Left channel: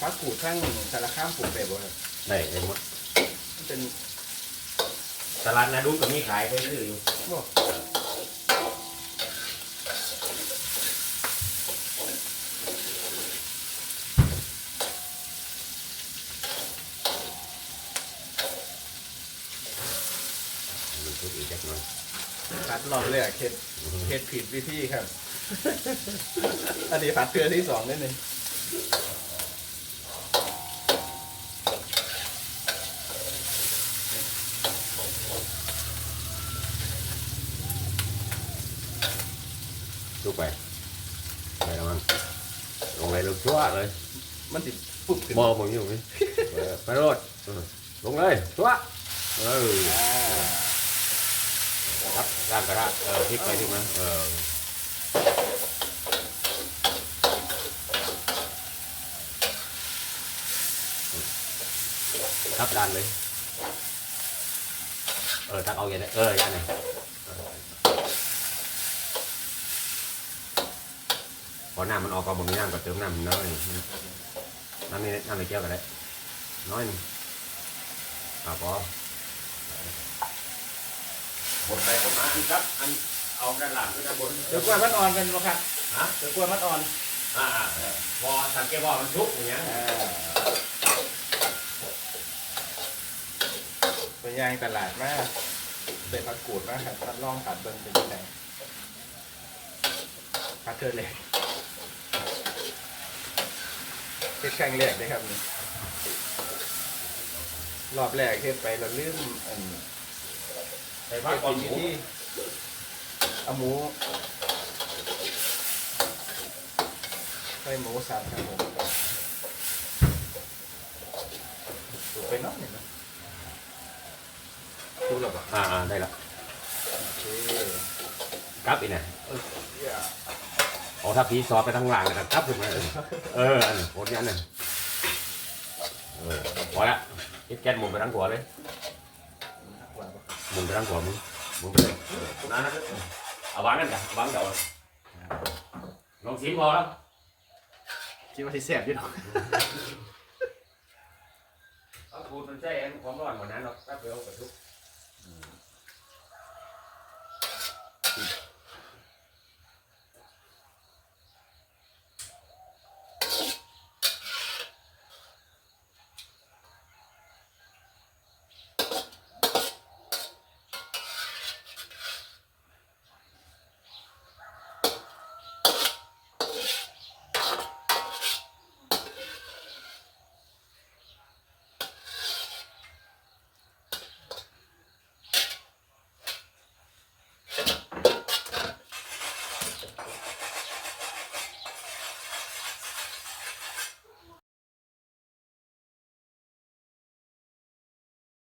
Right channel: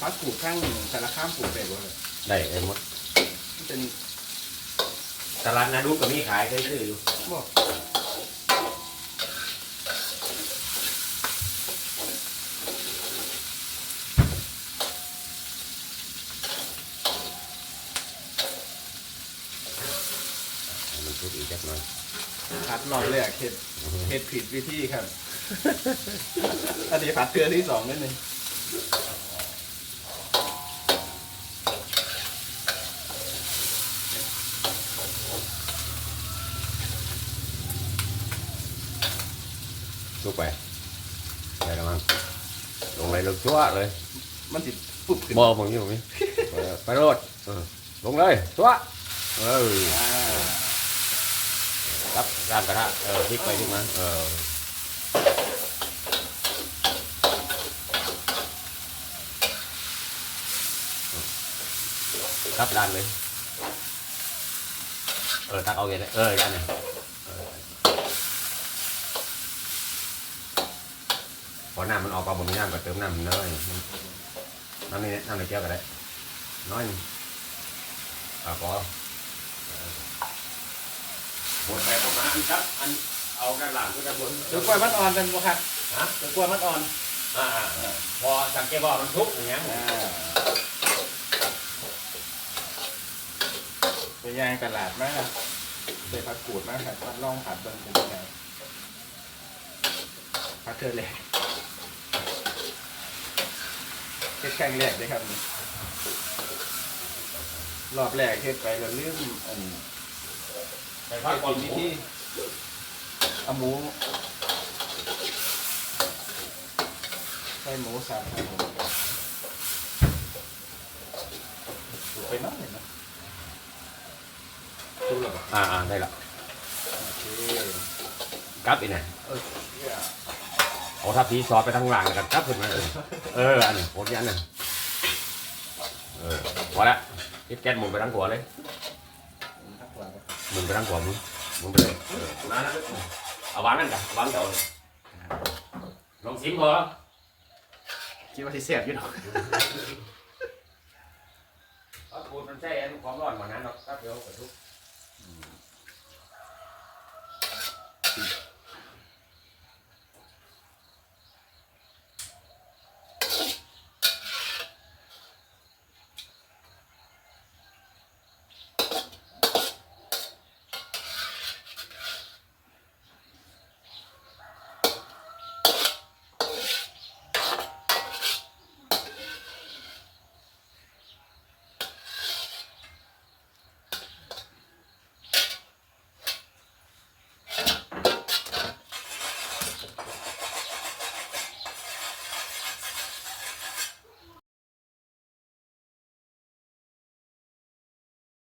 พักกูดข้างสารข้ามปลูกเป็ดบ่เลยได้เองหมดมันเป็นตลาดนาดูก็มีขายเคยซื้ออยู่บ่มันทุกอีกแค่น้อยพัดรอบแรกเฮ็ดเฮ็ดผิดวิธีครับ อันนี้พัดเทือที่สองนิดนึง ลุกไปไปแล้วมั้งลงไปลงชั่วเลยมันสิปุ๊บขึ้นมอผมอยู่ไหมเออไปโรดเออลงเลยชั่วเอออ่ารับร่างกระทะเออพลิกไปพลิกมาเออครับด้านเลย เออตักเอาอย่างนี้เออด้านนี้เออ พอน้ำมันออกมาบนนี้น้ำก็เติมน้ำมันน้อยน้ำนี่น้ำในแก้วก็ได้น้อยหนึงอะพอหมดไปออกมาอันครับ อันเอากระหล่ำก็จะบนเดี๋ยวกล้วยมัดอ่อนกันบ่ครับฮะเดี๋ยวกล้วยมัดอ่อนอ่าอ่าอ่าพอสังเกตว่ามันทุกอย่างเงี้ยอ่าไปย่างตลาดมาใส่ผักกูดมาครับผัดล่องผัดเบิ่งเป็นยังไงผัดเทือแรก เฮ็ดครั้งแรกเลยครับนี่รอบแรกเฮ็ดไปเราลืมอันไปพักเฮ็ดก่อกินนวิธีเอาหมูใส่หมูสับครับผมถูกไปเน้อยหนึ่งนะถูกแล้วบ่อ่าอ่าได้ละโอเคกลับอีกเนี่ยเออ เหี้ยเอาทัพพีซอสไปทั้งหลังกันกลับขึ้นมาเออเอออันนี้โคตรยันน่ะเออพอละทิศแก๊สหมุนไปทั้งหัวเลยนักวางบ่หมุนไปทั้งหัวมึงหมุนไปเลยเออนั่นนะเอาวางนั่นกันวางเดี๋ยวลองชิมพอคิดว่าที่เสียบอยู่ดอกถ้าพูดมันใช่อันความร้อนกว่านั้นหรอกครับเดี๋ยวกระทุก